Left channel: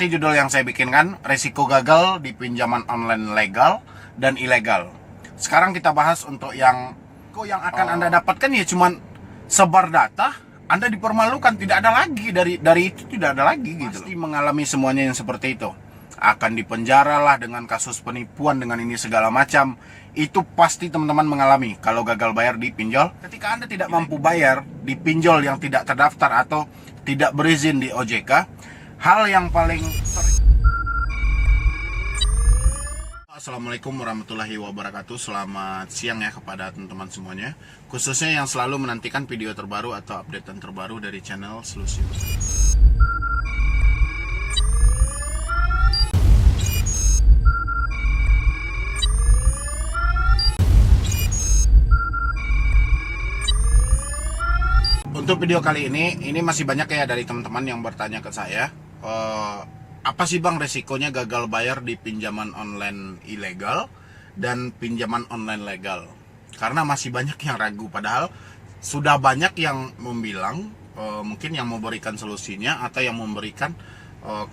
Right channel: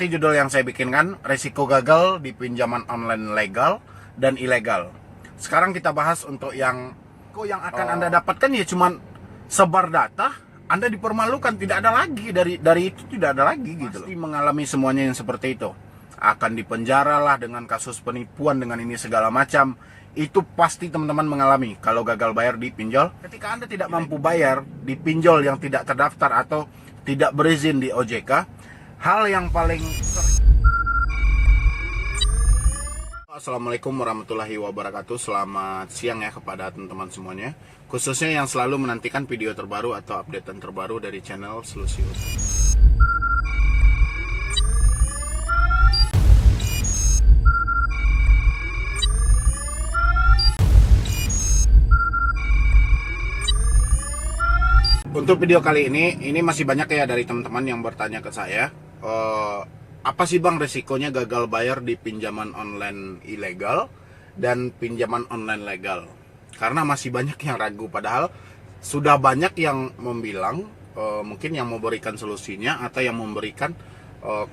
Ini judul yang saya bikinkan, resiko gagal di pinjaman online legal dan ilegal. Sekarang kita bahas untuk yang akan Anda dapatkan ya cuman sebar data, Anda dipermalukan, tidak ada lagi dari itu, tidak ada lagi gitu. Pasti mengalami semuanya yang seperti itu. Akan dipenjara lah dengan kasus penipuan dengan ini segala macam. Itu pasti teman-teman mengalami kalau gagal bayar di pinjol. Ketika Anda tidak mampu bayar di pinjol yang tidak terdaftar atau tidak berizin di OJK, hal yang paling Assalamualaikum warahmatullahi wabarakatuh. Selamat siang ya kepada teman-teman semuanya, khususnya yang selalu menantikan video terbaru atau updatean terbaru dari channel Solusius. Untuk video kali ini masih banyak ya dari teman-teman yang bertanya ke saya, apa sih bang resikonya gagal bayar di pinjaman online ilegal dan pinjaman online legal? Karena masih banyak yang ragu, padahal sudah banyak yang membilang, mungkin yang memberikan solusinya atau yang memberikan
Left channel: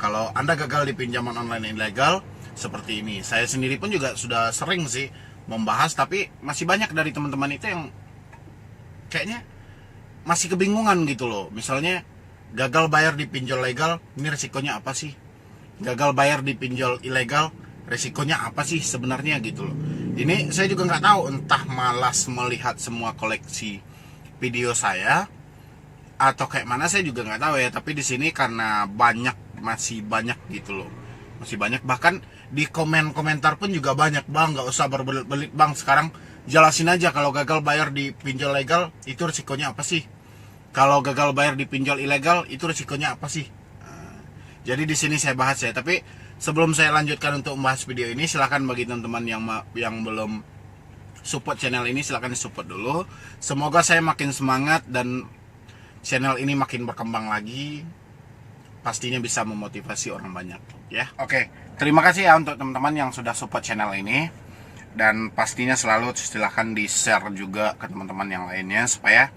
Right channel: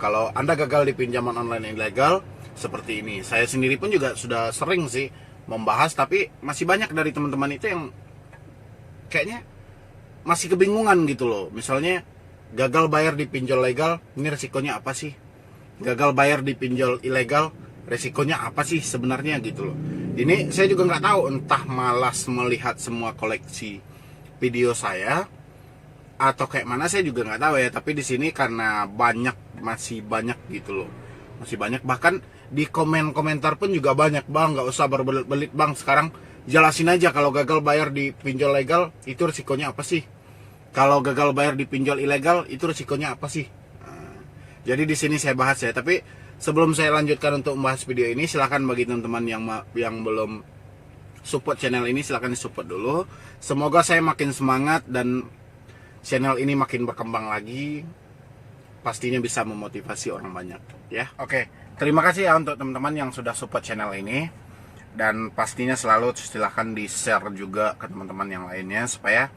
kalau Anda gagal di pinjaman online ilegal seperti ini. Saya sendiri pun juga sudah sering sih membahas, tapi masih banyak dari teman-teman itu yang kayaknya masih kebingungan gitu loh. Misalnya gagal bayar di pinjol legal, ini resikonya apa sih? Gagal bayar di pinjol ilegal, resikonya apa sih sebenarnya gitu loh. Ini saya juga nggak tahu, entah malas melihat semua koleksi video saya atau kayak mana, saya juga nggak tahu ya. Tapi di sini karena masih banyak gitu loh, masih banyak, bahkan di komentar pun juga banyak, bang nggak usah berbelit-belit bang, sekarang jelasin aja kalau gagal bayar di pinjol legal itu resikonya apa sih? Kalau gagal bayar di pinjol ilegal itu resikonya apa sih? Jadi di sini saya bahas ya. Tapi sebelum saya lanjutkan untuk membahas video ini, silahkan bagi teman-teman yang belum support channel ini, silahkan di-support dulu. Semoga saya makin semangat dan channel ini makin berkembang lagi. Pastinya bisa memotivasi orang banyak ya. Oke, terima kasih ya untuk teman-teman yang sudah support channel ini. Dan pastinya selalu silahkan di-share juga ke teman-teman yang lainnya supaya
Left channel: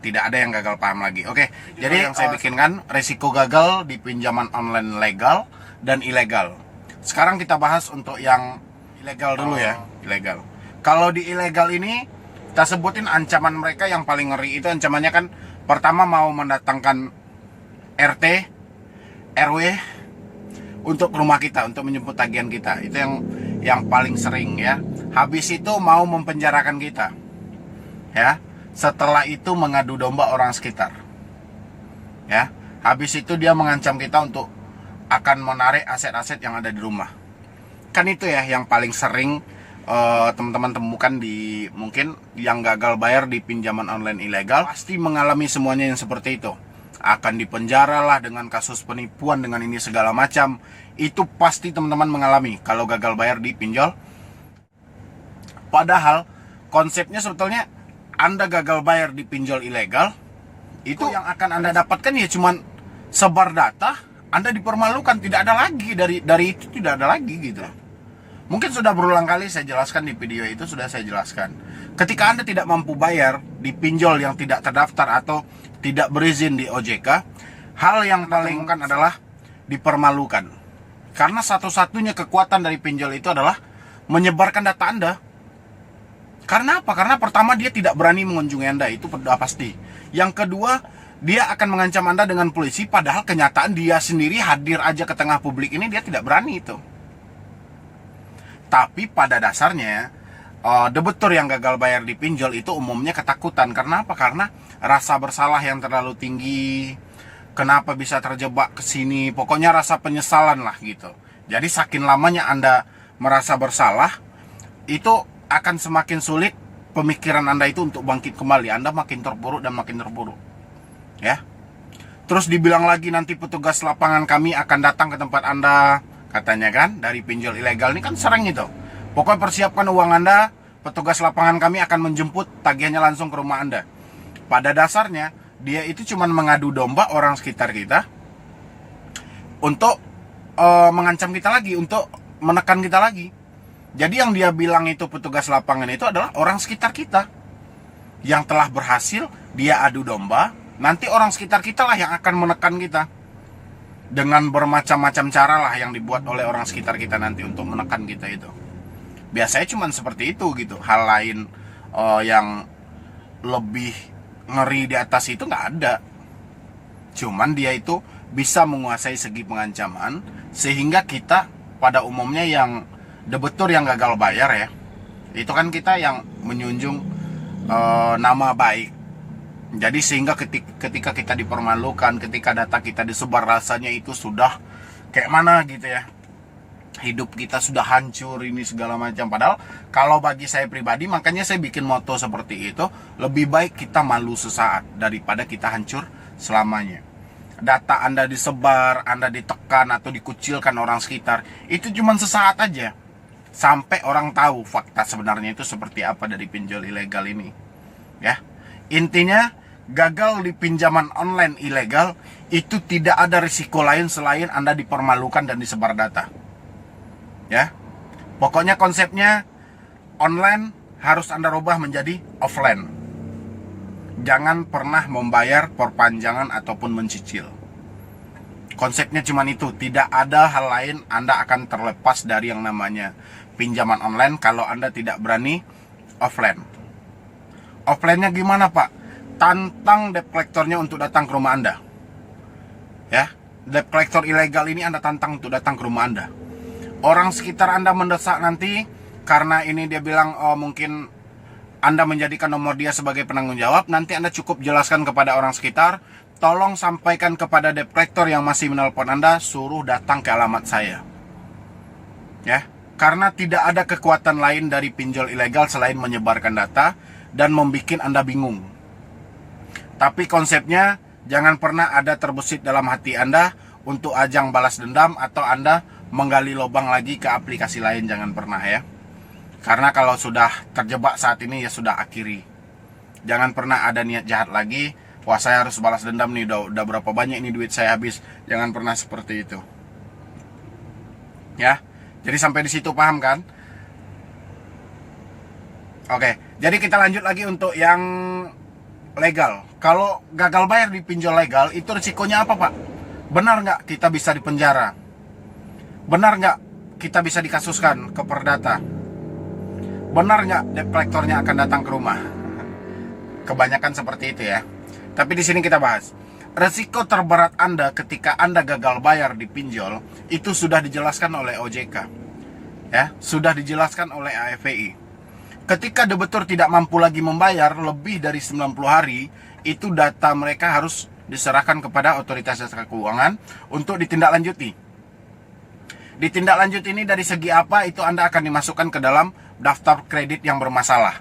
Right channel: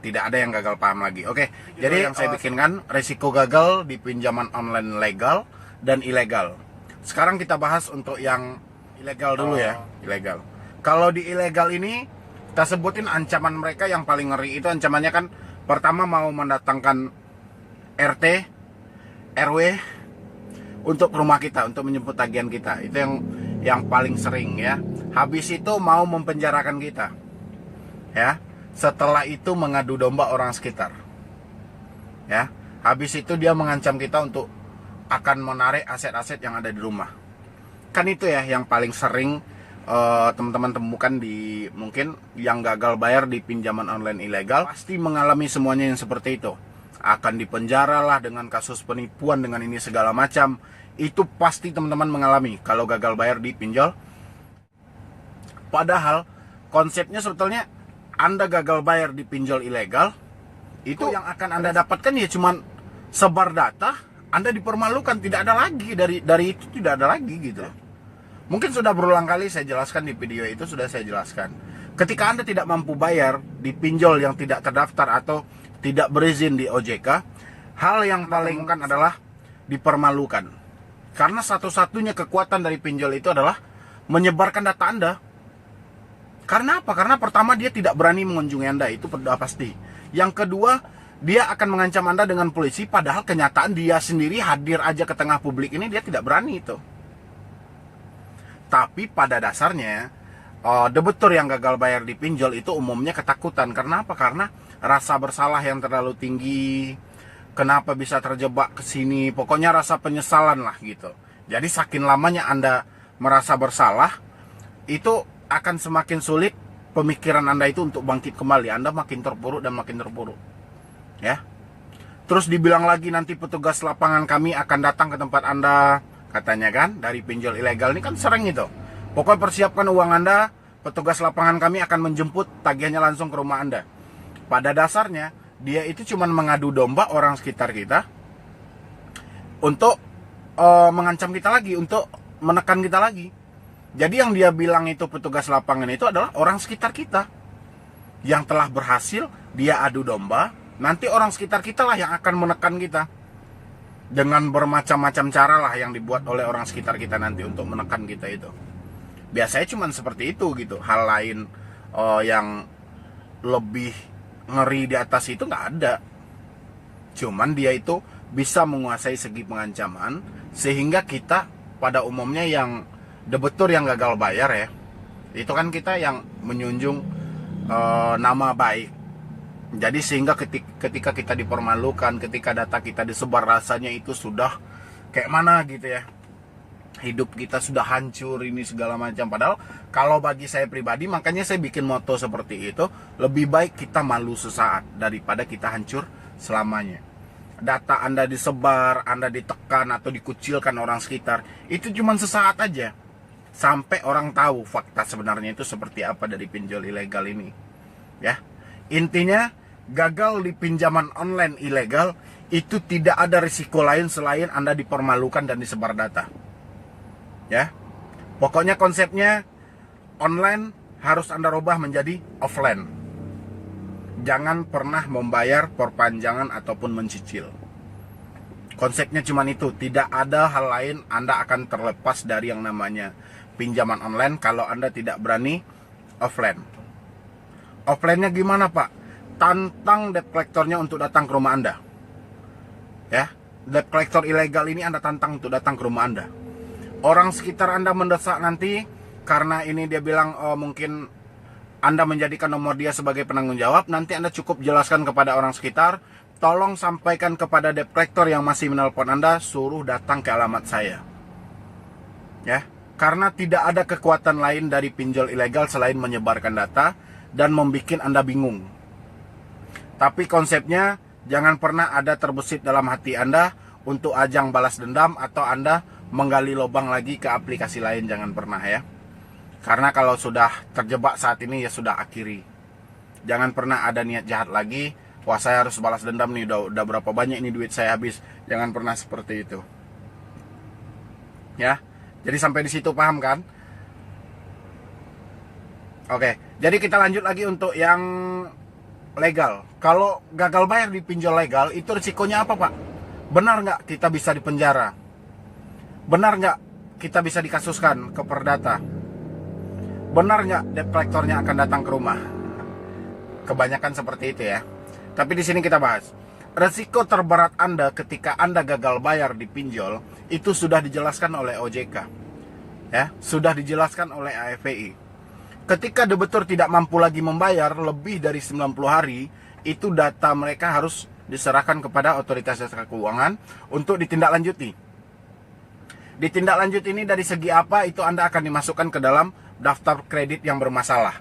tidak ada yang gagal paham lagi. Oke, jadi yang saya bikinkan resiko gagal di pinjaman online legal dan ilegal. Sekarang kita bahas untuk yang ilegal dulu ya, ilegal. Kalau di ilegal ini kita sebutin ancaman mereka yang paling ngeri itu, ancamannya kan pertama mau mendatangkan RT, RW untuk rumah kita untuk menjemput tagihan kita. Itu yang paling sering ya. Habis itu mau mempenjarakan kita. Ya. Setelah itu mengadu domba orang sekitar. Ya. Habis itu dia mengancam kita untuk akan menarik aset-aset yang ada di rumah. Kan itu ya yang paling sering teman-teman temukan di mungkin yang gagal bayar di pinjaman online ilegal. Pasti mengalami semuanya yang seperti itu. Akan dipenjara lah dengan kasus penipuan dengan ini segala macam. Itu pasti teman-teman mengalami kalau gagal bayar di pinjol. Padahal konsepnya sebetulnya Anda gagal bayar di pinjol ilegal, itu yang akan Anda dapatkan ya cuman sebar data, Anda dipermalukan, tidak ada lagi dari itu, tidak ada lagi gitu. Mungkin sudah berulang kali saya jelaskan di video itu, sudah saya jelaskan. Ketika Anda tidak mampu bayar di pinjol yang tidak terdaftar atau tidak berizin di OJK, hal yang paling kan adalah dipermalukan. Karena satu-satunya kekuatan dari pinjol itu adalah menyebarkan data Anda. Karena apa? Karena pertama dia tidak berani mengunjungi Anda, itu pasti. Yang kedua, dia akan mengancam Anda dengan polisi, padahal kenyataan dia sendiri hadir aja ke tengah publik ini dia tidak berani itu. Tapi pada dasarnya debitur yang gagal bayar di pinjol itu umumnya ketakutan. Karena apa? Karena rasa bersalah yang terlalu tinggi. Kenapa bisa terjebak ke sini? Pokoknya rasa penyesalan lah gitu. Jadi saking lamanya Anda merasa bersalah, itu akan semakin sulit pemikiran Anda itu untuk bangkit kembali. Anda makin terpuruk dan makin terpuruk. Ya. Terus dibilang lagi nanti petugas lapangan kami akan datang ke tempat Anda, katanya kan, dari pinjol ilegal ini kan sering itu. Pokoknya persiapkan uang Anda, petugas lapangan kami akan menjemput tagihannya langsung ke rumah Anda. Pada dasarnya dia itu cuma mengadu domba orang sekitar kita untuk mengancam kita lagi, untuk menekan kita lagi. Jadi yang dia bilang itu petugas lapangan itu adalah orang sekitar kita yang telah berhasil dia adu domba. Nanti orang sekitar kita lah yang akan menekan kita. dengan bermacam-macam cara lah yang dibuat oleh orang sekitar kita nanti untuk menekan kita itu. Biasanya cuma seperti itu gitu. Hal lain yang lebih ngeri di atas itu nggak ada. Cuman dia itu bisa menguasai segi pengancaman, sehingga kita pada umumnya yang debetur yang gagal bayar ya, itu kan kita yang menjunjung nama baik. Jadi sehingga ketika kita dipermalukan, ketika data kita disebar, rasanya itu sudah kayak mana gitu ya, hidup kita sudah hancur ini segala macam. Padahal kalau bagi saya pribadi, makanya saya bikin moto seperti itu, lebih baik kita malu sesaat daripada kita hancur selamanya. Data Anda disebar, Anda ditekan atau dikucilkan orang sekitar, itu cuma sesaat aja, sampai orang tahu fakta sebenarnya itu seperti apa dari pinjol ilegal ini. Ya, intinya gagal di pinjaman online ilegal itu tidak ada risiko lain selain Anda dipermalukan dan disebar data. Ya, pokoknya konsepnya online harus Anda rubah menjadi offline. Jangan pernah membayar perpanjangan ataupun mencicil. Konsepnya cuma itu, tidak ada hal lain. Anda akan terlepas dari yang namanya pinjaman online kalau Anda tidak berani offline. Offline-nya gimana Pak? Tantang debt collector-nya untuk datang ke rumah Anda. Ya, debt collector ilegal ini Anda tantang untuk datang ke rumah Anda. Orang sekitar Anda mendesak nanti karena ini dia bilang mungkin Anda menjadikan nomor dia sebagai penanggung jawab. Nanti Anda cukup jelaskan kepada orang sekitar, tolong sampaikan kepada debt collector yang masih menelpon Anda, suruh datang ke alamat saya. Ya, karena tidak ada kekuatan lain dari pinjol ilegal selain menyebarkan data dan membuat Anda bingung. Tapi konsepnya jangan pernah ada terbesit dalam hati Anda untuk ajang balas dendam atau Anda menggali lubang lagi ke aplikasi lain, jangan pernah ya. Karena kalau sudah terjebak saat ini ya sudah akhiri. Jangan pernah ada niat jahat lagi. Wah, saya harus balas dendam nih, udah berapa banyak ini duit saya habis. Jangan pernah seperti itu. Ya. Jadi sampai di situ paham kan? Oke, jadi kita lanjut lagi untuk yang legal. Kalau gagal bayar di pinjol legal, itu risikonya apa Pak? Benar nggak kita bisa dipenjara? Benar nggak kita bisa dikasuskan ke Perdata? Benar nggak debt collector-nya akan datang ke rumah? Kebanyakan seperti itu ya. Tapi di sini kita bahas. Resiko terberat Anda ketika Anda gagal bayar di pinjol, itu sudah dijelaskan oleh OJK. Ya, sudah dijelaskan oleh AFPI. Ketika debitur tidak mampu lagi membayar lebih dari 90 hari, itu data mereka harus diserahkan kepada otoritas jasa keuangan untuk ditindaklanjuti. Ditindaklanjut ini dari segi apa, itu Anda akan dimasukkan ke dalam daftar kredit yang bermasalah.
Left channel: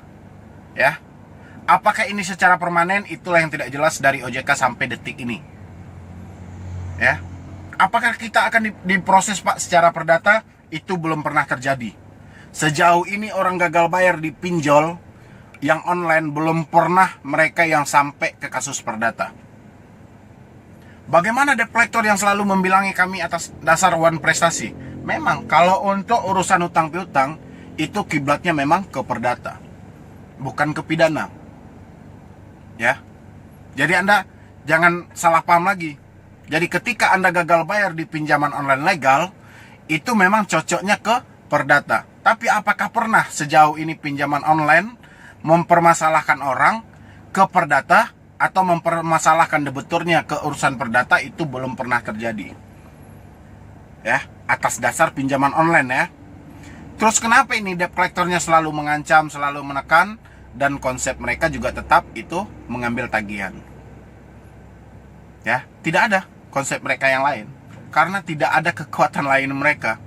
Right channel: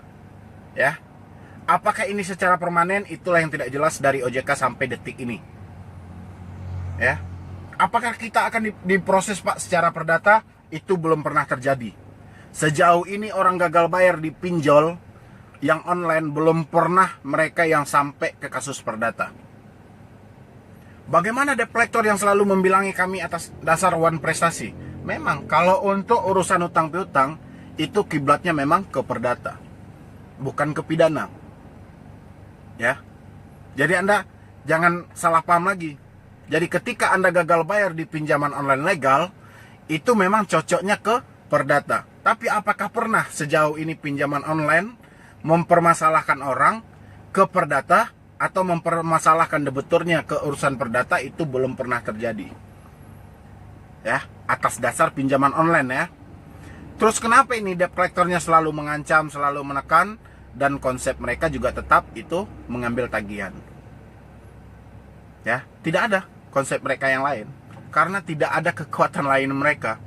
Ya. Apakah ini secara permanen? Itulah yang tidak jelas dari OJK sampai detik ini. Ya. Apakah kita akan diproses Pak secara perdata? Itu belum pernah terjadi. Sejauh ini orang gagal bayar di pinjol yang online belum pernah mereka yang sampai ke kasus perdata. Bagaimana debt collector yang selalu membilangi kami atas dasar one prestasi? Memang kalau untuk urusan utang piutang itu kiblatnya memang ke perdata, bukan ke pidana. Ya. Jadi Anda jangan salah paham lagi. Jadi ketika Anda gagal bayar di pinjaman online legal, itu memang cocoknya ke perdata. Tapi apakah pernah sejauh ini pinjaman online mempermasalahkan orang ke perdata atau mempermasalahkan debiturnya ke urusan perdata? Itu belum pernah terjadi. Ya, atas dasar pinjaman online ya. Terus kenapa ini debt collector-nya selalu mengancam, selalu menekan, dan konsep mereka juga tetap itu mengambil tagihan. Ya, tidak ada konsep mereka yang lain karena tidak ada kekuatan lain mereka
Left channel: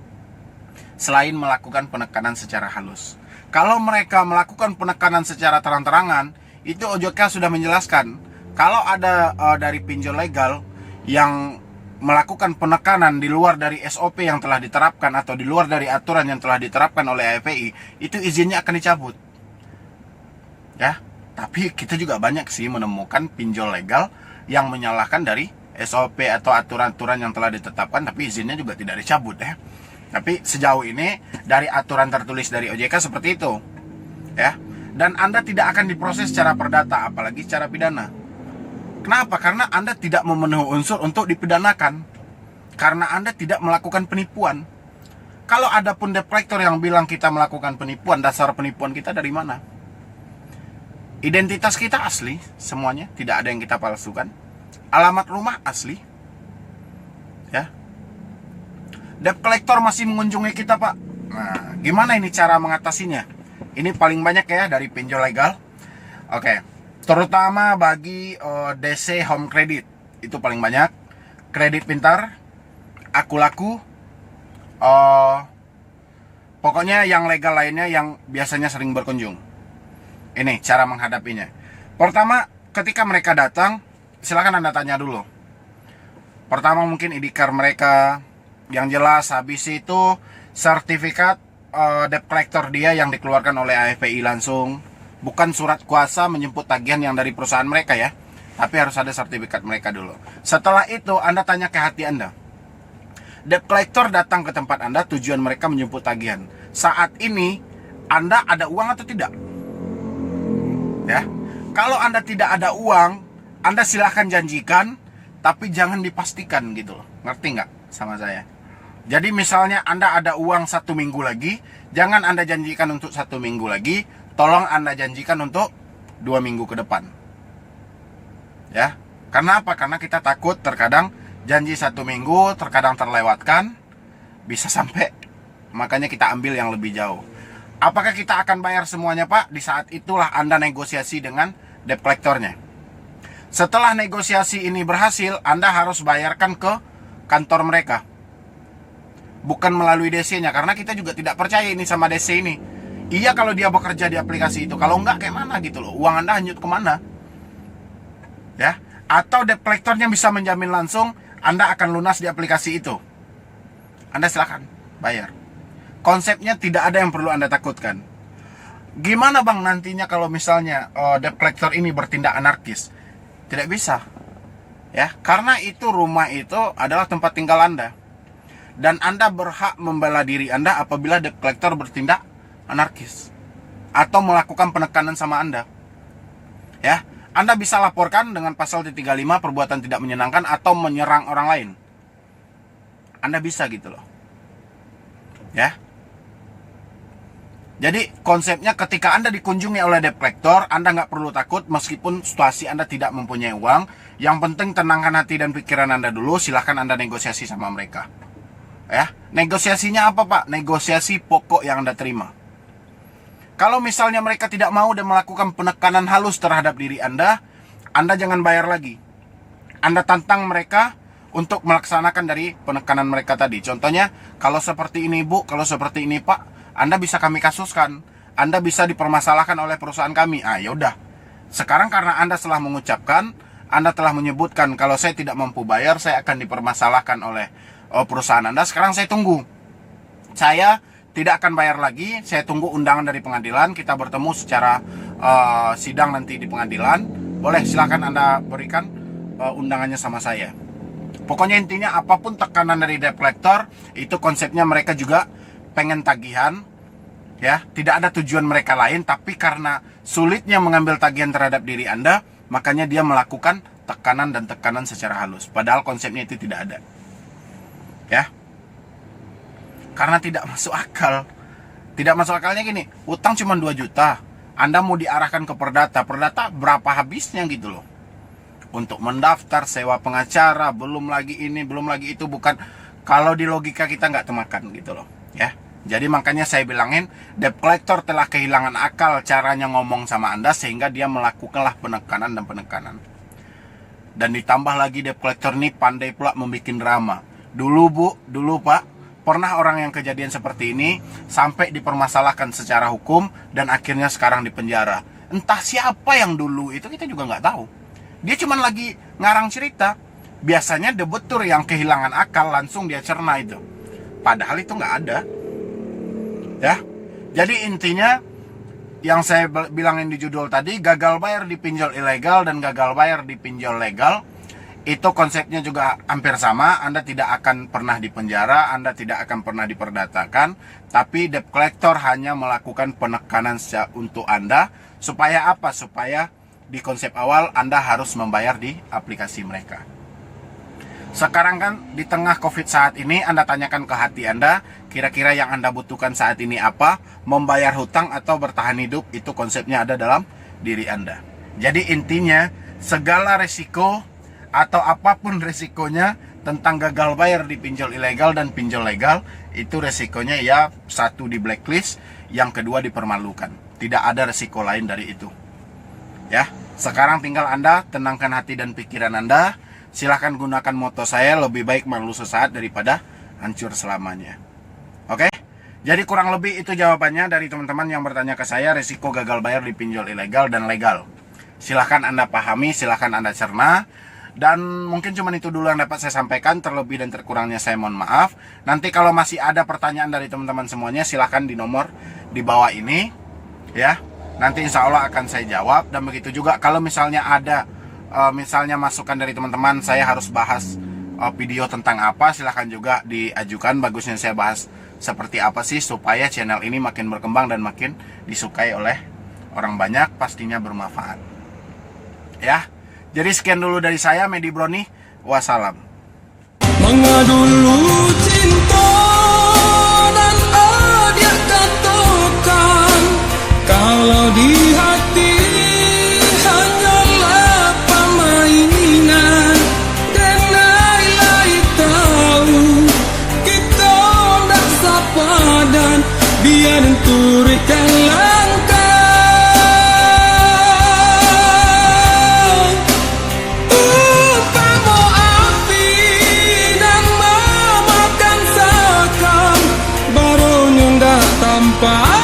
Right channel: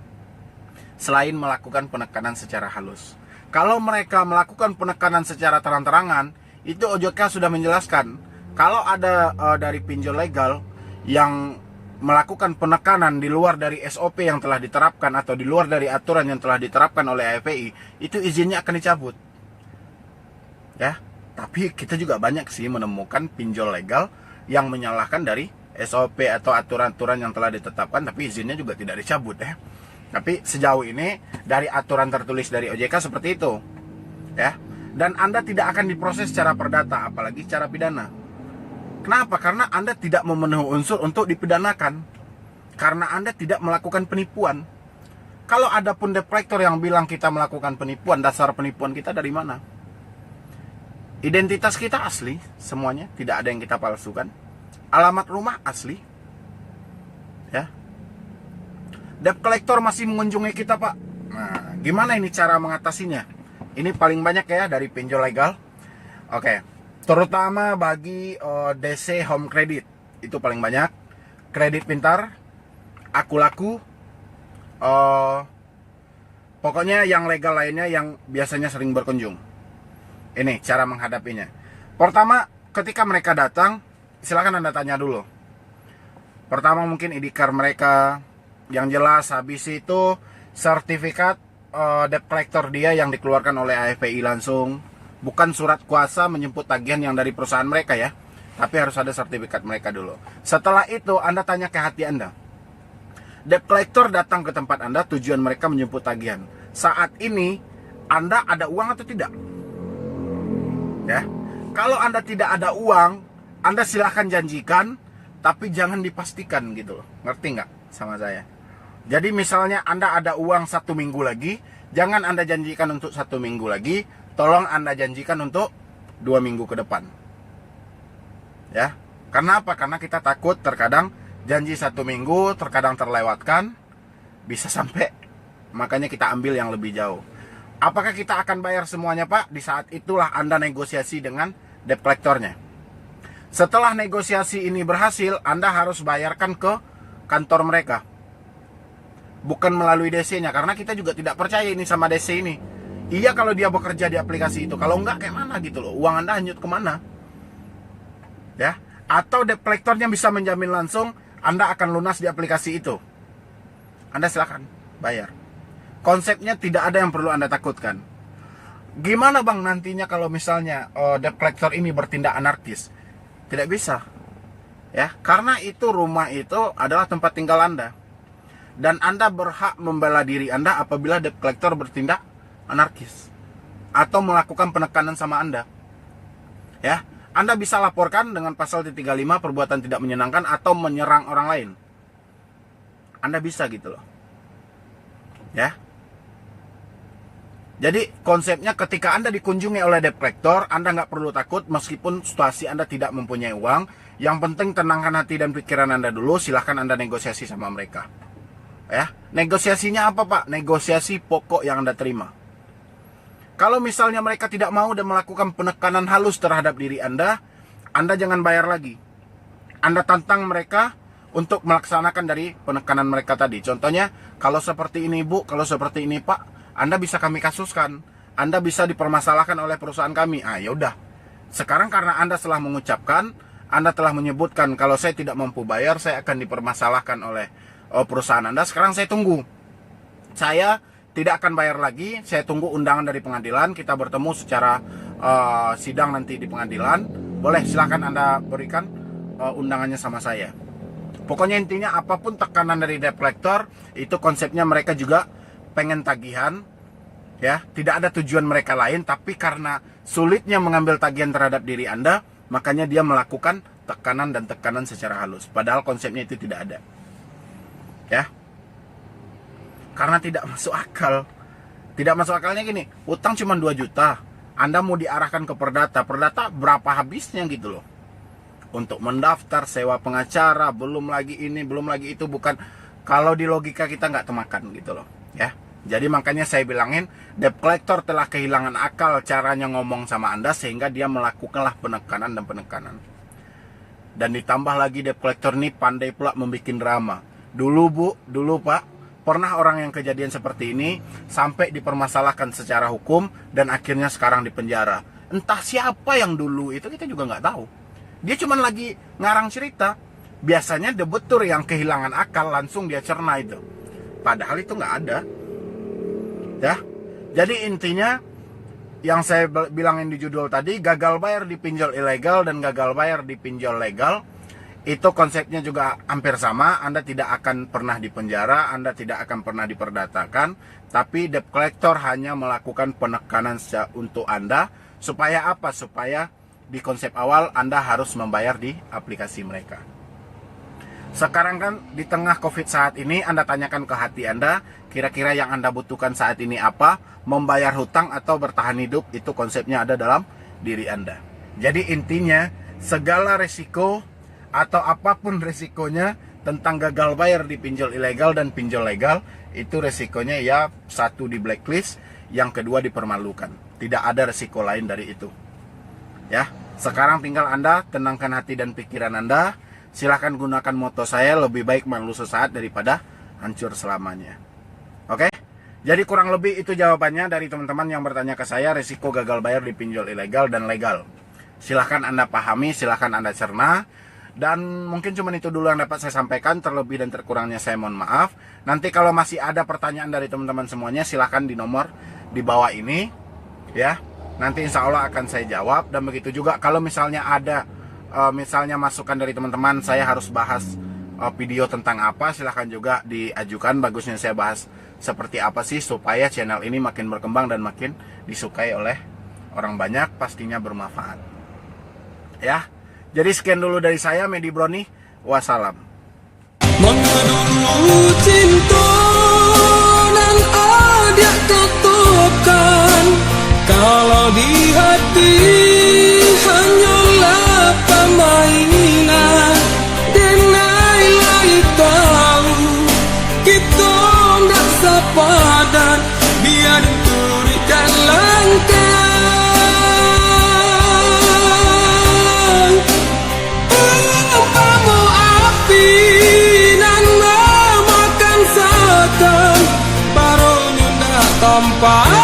selain melakukan penekanan secara halus. Kalau mereka melakukan penekanan secara terang-terangan, itu OJK sudah menjelaskan. Kalau ada dari pinjol legal yang melakukan penekanan di luar dari SOP yang telah diterapkan atau di luar dari aturan yang telah diterapkan oleh AFPI, itu izinnya akan dicabut. Ya, tapi kita juga banyak sih menemukan pinjol legal yang menyalahkan dari SOP atau aturan-aturan yang telah ditetapkan, tapi izinnya juga tidak dicabut ya. Tapi sejauh ini dari aturan tertulis dari OJK seperti itu. Ya. Dan Anda tidak akan diproses secara perdata, apalagi secara pidana. Kenapa? Karena Anda tidak memenuhi unsur untuk dipidanakan. karena Anda tidak melakukan penipuan. Kalau ada pun debt collector yang bilang kita melakukan penipuan, dasar penipuan kita dari mana? Identitas kita asli, semuanya, tidak ada yang kita palsukan. Alamat rumah asli. Ya. Debt collector masih mengunjungi kita, Pak. Nah, gimana ini cara mengatasinya? Ini paling banyak ya dari pinjol legal. Oke. Terutama bagi DC Home Credit. Itu paling banyak. Kredit Pintar, Aku Laku, pokoknya yang legal lainnya yang biasanya sering berkunjung. Ini cara menghadapinya. Pertama, ketika mereka datang, silakan Anda tanya dulu. Pertama mungkin ID card mereka yang jelas, habis itu sertifikat debt collector dia yang dikeluarkan oleh AFPI langsung, bukan surat kuasa menjemput tagihan yang dari perusahaan mereka ya, tapi harus ada sertifikat mereka dulu. Setelah itu Anda tanya ke hati Anda. Debt collector datang ke tempat Anda, tujuan mereka menjemput tagihan. Saat ini Anda ada uang atau tidak? Ya, kalau Anda tidak ada uang, Anda silahkan janjikan, tapi jangan dipastikan gitu loh. Ngerti nggak sama saya? Jadi misalnya Anda ada uang 1 minggu lagi, jangan Anda janjikan untuk 1 minggu lagi, tolong Anda janjikan untuk 2 minggu ke depan. Ya, karena apa? Karena kita takut terkadang janji 1 minggu terkadang terlewatkan, bisa sampai, makanya kita ambil yang lebih jauh. Apakah kita akan bayar semuanya, Pak? Di saat itulah Anda negosiasi dengan debt collectornya. Setelah negosiasi ini berhasil, Anda harus bayarkan ke kantor mereka, bukan melalui DC-nya, karena kita juga tidak percaya ini sama DC ini. Iya kalau dia bekerja di aplikasi itu, kalau enggak kayak mana gitu loh, uang Anda hanyut kemana? Ya, atau debt collectornya bisa menjamin langsung Anda akan lunas di aplikasi itu. Anda silakan bayar. Konsepnya tidak ada yang perlu Anda takutkan. Gimana bang nantinya kalau misalnya debt collector ini bertindak anarkis? Tidak bisa. Ya, karena itu rumah itu adalah tempat tinggal Anda. Dan Anda berhak membela diri Anda apabila debt collector bertindak anarkis atau melakukan penekanan sama Anda. Ya, Anda bisa laporkan dengan pasal 335 perbuatan tidak menyenangkan atau menyerang orang lain. Anda bisa gitu loh. Ya. Jadi konsepnya ketika Anda dikunjungi oleh debt collector, Anda nggak perlu takut meskipun situasi Anda tidak mempunyai uang. Yang penting tenangkan hati dan pikiran Anda dulu, silahkan Anda negosiasi sama mereka. Ya, negosiasinya apa Pak? Negosiasi pokok yang Anda terima. Kalau misalnya mereka tidak mau dan melakukan penekanan halus terhadap diri Anda jangan bayar lagi. Anda tantang mereka untuk melaksanakan dari penekanan mereka tadi. Contohnya, kalau seperti ini Bu, kalau seperti ini Pak, Anda bisa kami kasuskan, Anda bisa dipermasalahkan oleh perusahaan kami. Ah, ya udah. Sekarang karena Anda telah mengucapkan, Anda telah menyebutkan kalau saya tidak mampu bayar, saya akan dipermasalahkan oleh perusahaan Anda. Sekarang saya tunggu. Saya tidak akan bayar lagi, saya tunggu undangan dari pengadilan, kita bertemu secara sidang nanti di pengadilan. Boleh silahkan Anda berikan undangannya sama saya. Pokoknya intinya apapun tekanan dari debt collector, itu konsepnya mereka juga pengen tagihan, ya, tidak ada tujuan mereka lain, tapi karena sulitnya mengambil tagihan terhadap diri Anda, makanya dia melakukan tekanan dan tekanan secara halus. Padahal konsepnya itu tidak ada, ya, karena tidak masuk akal. Tidak masuk akalnya gini, utang cuma 2 juta, Anda mau diarahkan ke perdata, perdata berapa habisnya gitu loh, untuk mendaftar, sewa pengacara, belum lagi ini, belum lagi itu, bukan, kalau di logika kita nggak temakan gitu loh, ya. Jadi makanya saya bilangin, debt collector telah kehilangan akal caranya ngomong sama Anda, sehingga dia melakukanlah penekanan dan penekanan. Dan ditambah lagi debt collector ini pandai pula membuat drama. Dulu Bu, dulu Pak, pernah orang yang kejadian seperti ini sampai dipermasalahkan secara hukum dan akhirnya sekarang di penjara. Entah siapa yang dulu itu, kita juga nggak tahu. Dia cuma lagi ngarang cerita. Biasanya debitur yang kehilangan akal langsung dia cerna itu. Padahal itu nggak ada. Ya, jadi intinya yang saya bilangin di judul tadi, gagal bayar di pinjol ilegal dan gagal bayar di pinjol legal, itu konsepnya juga hampir sama. Anda tidak akan pernah dipenjara, Anda tidak akan pernah diperdatakan, tapi debt collector hanya melakukan penekanan untuk Anda. Supaya apa? Supaya di konsep awal Anda harus membayar di aplikasi mereka. Sekarang kan di tengah COVID saat ini, Anda tanyakan ke hati Anda, kira-kira yang Anda butuhkan saat ini apa? Membayar hutang atau bertahan hidup, itu konsepnya ada dalam diri Anda. Jadi intinya, segala resiko atau apapun resikonya tentang gagal bayar di pinjol ilegal dan pinjol legal, itu resikonya ya satu di blacklist, yang kedua dipermalukan. Tidak ada resiko lain dari itu. Ya, sekarang tinggal Anda tenangkan hati dan pikiran Anda. Silahkan gunakan moto saya, lebih baik malu sesaat daripada hancur selamanya. Oke? Jadi kurang lebih itu jawabannya dari teman-teman yang bertanya ke saya, resiko gagal bayar di pinjol ilegal dan legal. Silahkan Anda pahami, silahkan Anda cerna. Dan mungkin cuma itu dulu yang dapat saya sampaikan. Terlebih dan terkurangnya saya mohon maaf. Nanti kalau masih ada pertanyaan dari teman-teman semuanya, silahkan di nomor di bawah ini, ya. Nanti insya Allah akan saya jawab. Dan begitu juga kalau misalnya ada misalnya masukan dari teman-teman, saya harus bahas video tentang apa, silahkan juga diajukan. Bagusnya saya bahas seperti apa sih supaya channel ini makin berkembang dan makin disukai oleh orang banyak, pastinya bermanfaat. Ya, jadi sekian dulu dari saya, Medi Broni. Wassalam. Mengadulu cinta dan adik katakan, kalau di hati hanyalah permainan, dan nilai tahu kita ndak sepadan, biar turikan langkah. Umpama api dan memakan sekam, barunya ndak tampak.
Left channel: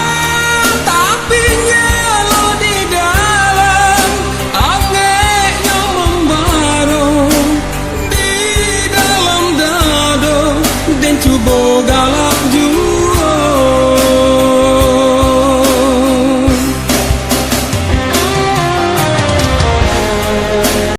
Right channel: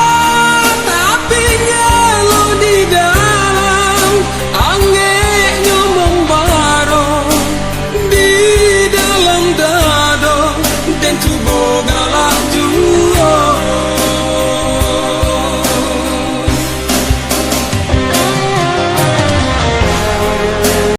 Cuba galak juga.